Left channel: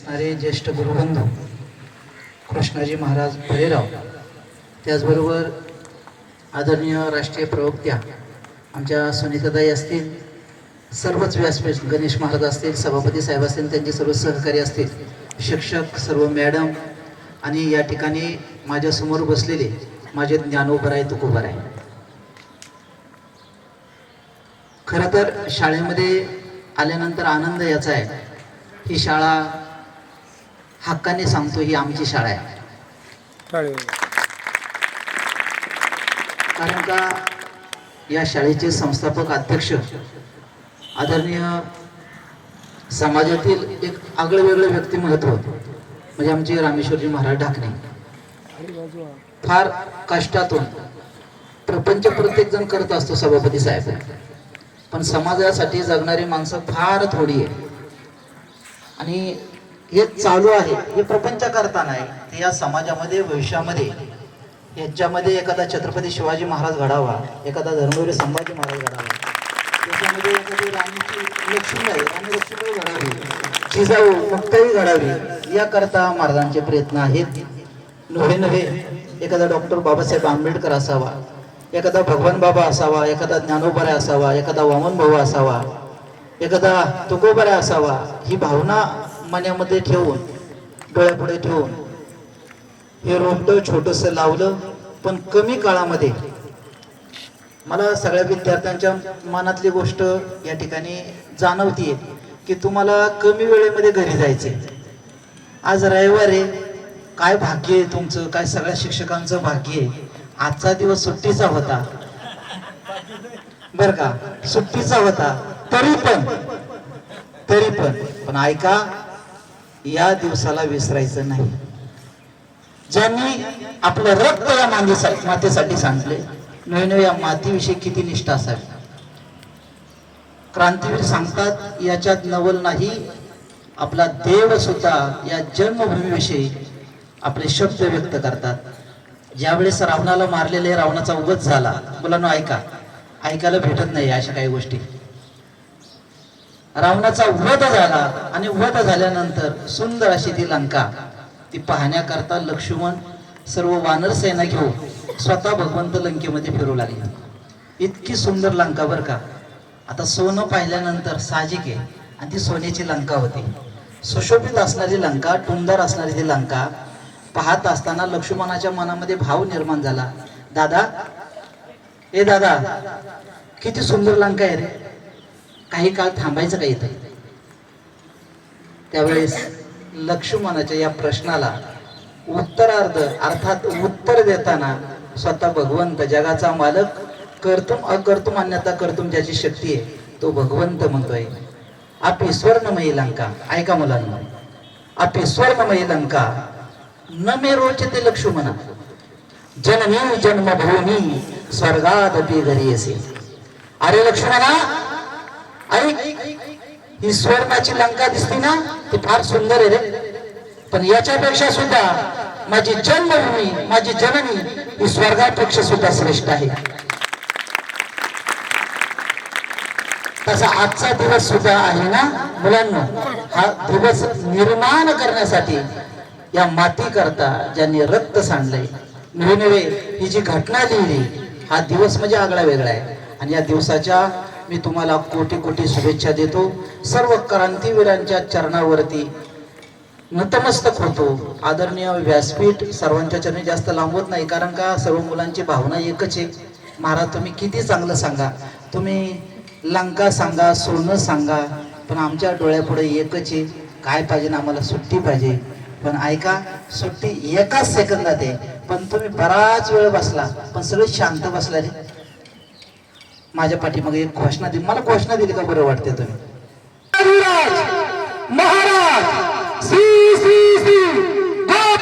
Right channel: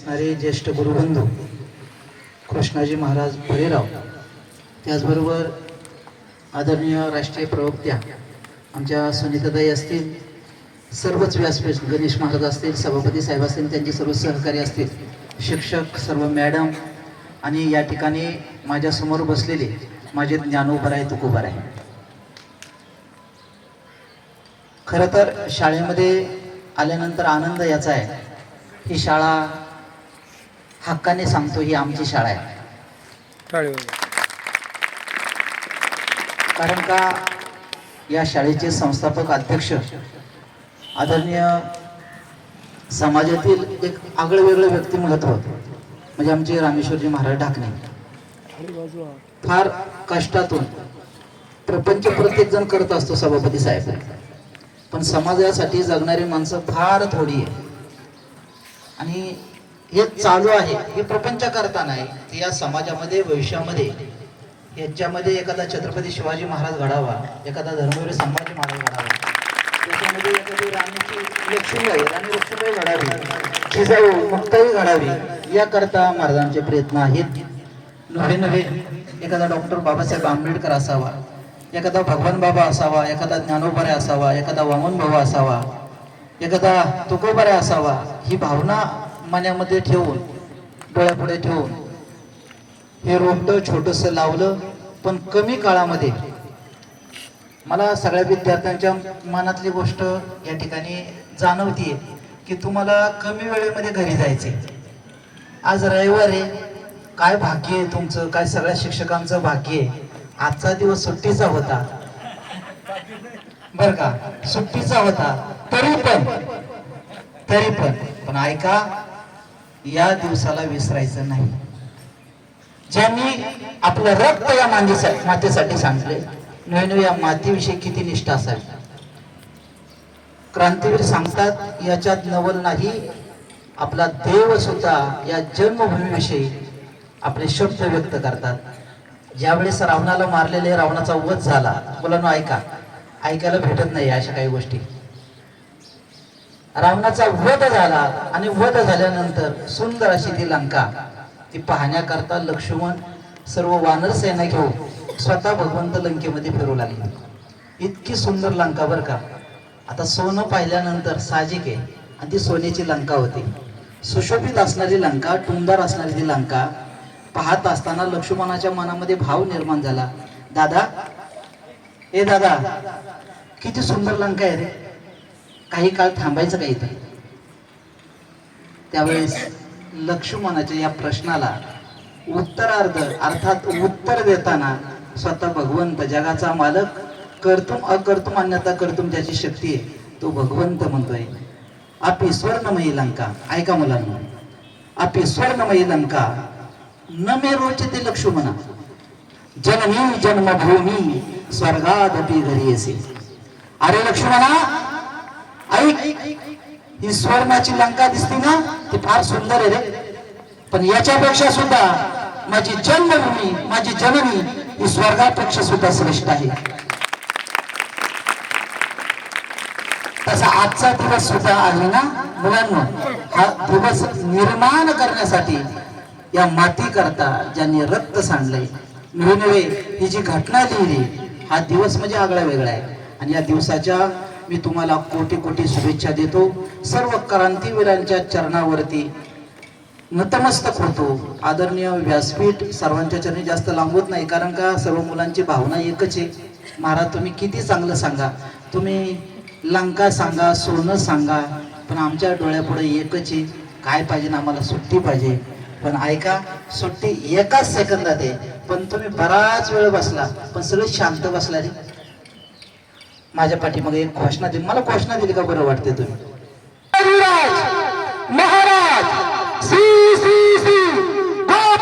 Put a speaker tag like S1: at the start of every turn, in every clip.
S1: असणारे ज्येष्ठ गुरुबंधू कृष्णाजी महाराज भरेराव त्याचबरोबर आदरणीय राष्ट्रीय प्रवक्त्या आमच्या सुनीताताई असतील सर्वच व्यासपीठ गणेश महाराज असतील सभापती साहेब असतील त्यांचे सर्व सहकारी असतील शिक्षक सर्व मॅडम आणि या ठिकाणी माझ्यासमोर बसलेले माझे ज्ञानोबर तुकोबर आहे खरं तर शाळेमध्ये आल्यानंतर आनंद याचा आहे. ही शाळा हक्काने सांगतो ही आमची शाळा आहे. कारण का या शाळेचे संस्थापक अध्यक्ष आदरणीय समाजातील एक आगळं वेगळं व्यक्तिमत्व म्हणजे आमचे रामेश्वरजी महाराज ढाकणे. फार कष्टातून प्रपंच प्रत्येक जण करत असतो सभापती साहेब. पण समाजासाठी जगणारी माणसं फार थोडी आहे आणि हे चालू आहे. हे प्रपंच करता नाही. की या समाजामध्ये भविष्यामध्ये याच्यामध्ये एखादा छत्रपती शिवाजी महाराज घडावा एखादा धर्मवीर संभाजी महाराज घडावा. त्याच्यामध्ये एखादी राणीची लक्ष्मीबाई राणी लक्ष्मीबाई घडावी. जिजाऊ मुक्ताई घडावी. याकरता महाराजांचे प्रयत्न आहेत. नव्हे नव्हे एखादा डॉक्टर बाबासाहेब आंबेडकर असावा एखादा भगवान बाबा असावा एखादा ज्ञानोबरा असावा एखादा वामन भाऊ असावा एखादा तुकोबरा असावा ही भावना मण्यामध्ये ठेवून डोळ्यापुढे ठेवून हे रोपटं छोटंसं लावलं पण कमी काळामध्ये. मला सगळ्या विद्यार्थ्यांच्या मनातली गोष्ट या ठिकाणी जाणवतीये की तुम्हाला कमी वेळेमध्ये घरी जायचे आज रविवार आहे. काय भाग्य आहे तुमचं? काय सगळ्या शिक्षकांचं भाग्य आहे? आजचा दिवस सुट्टीचा होता. बर का? सुट्टीचा होता. तरी पण तरी पण. पण ऐका या दिवसाला विसरायचं नाही. ज्यांनी आपलं रक्त या मातीसाठी मातेसाठी सांगले नवीन या मातीविषयी किती निष्ठा असावी? क्रांतीवीर सांगतात याच्यात नवल नाही आपला देव सुद्धा या जन्मभूमीविषयी आपले शब्द व्यक्त करतात. ज्यावेळेस रावणाला मारलेले रावणाचा वध झाला मुलांना ऐका. ऐकायला भेटत नाही अशा काही गोष्टी. रावणाचा वध झाला आणि वध झाल्यानंतर सुंदर अशी ती लंका. ती पाहण्याकरता लक्ष्मण सर्व वानर सेना घेऊन स्वतः भगवंत लंकेमध्ये फिरू लागले. इतकी सुंदर लंका बर का? आता सोनं पाहिल्यानंतर साहजिक आहे आणि ती सोन्याची लंका होती. सुशोभित असणारी लंका टुमदार असणारी ती लंका पाहत असताना लक्ष्मणाच्या मनामध्ये भाव निर्माण झाला. दादा ए दादा किती सुंदर लंका आहे रे. काही काळ थांबायचं का इथं? त्यावेळेस लक्ष्मणाच्या या प्रश्नाला उत्तरार्ध अर्थात उत्तर देताना स्वतः भगवंत जगाचा मालक कर्तुम अकर्तुम अन्यथा कर्तुम ज्याची शक्ती आहे तो भगवंत म्हणतोय. आपी स्वर्णमयी लंका ऐका मुलांना. आपी स्वर्णमयी लंका न मे रोचते लक्ष्मणा. जननी जन्मभूमी स्वर्गात घरी असे अरे लक्ष्मणा ऐक ही स्वर्णाची लंका दिसते ना ती फार सुंदर आहे रे. पण याच्यापेक्षा सुद्धा माझी जन्मभूमी माझी जननी ही स्वर्गापेक्षा सुद्धा श्रेष्ठ आहे. तसा आजचा दिवस सुद्धा आहे ना मुलांना? हा दिवस निर्माण करण्यासाठी या माती करता ज्यांनी रक्त सांडलंय नवे नवे ही जी घटना लिहिली हा दिवस म्हणजे आगळा वेगळा आहे. आणि या दिवसाच्या मी तुम्हाला कोटी कोटी शुभेच्छा देतो. सर्व क्रांतीवीरांच्या चरणावरती नतमस्तक होतो. आदरणीय व्यासपीठ सर्वांच्या चरणी जास्त लांबवत नाही कारण का? सर्व मुलांची भावना एकच आहे. महाराज तुम्ही किती चांगलं सांगा. तुम्ही लंका सांगा सोनं सांगा पण आमच्या डोळ्यापुढे एकच आहे. काय पाहिजे ना आम्हाला सुट्टी पाहिजे. पण ऐका सुट्टी एकाच सेकंदात आहे. पण तुम्ही बराच वेळ बसला पण सगळे शांत बसला रे माझ्या पाठीमागे एक घोषणा दिली मला घोषणा दिली का बरं वाटते तुम्ही? महाराज श्री श्री श्री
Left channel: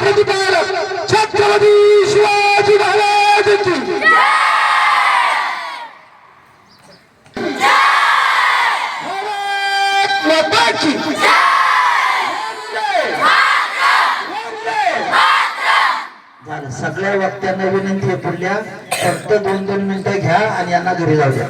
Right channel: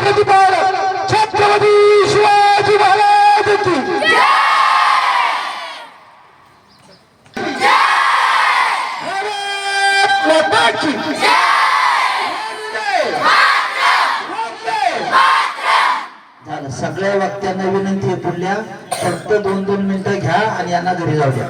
S1: प्रतिपालक छत्रपती शिवाजी महाराज झालं. सगळ्या वक्त्यांना विनंती आहे पुढल्या. फक्त दोन दोन मिनिटं घ्या आणि यांना घरी जाऊ द्या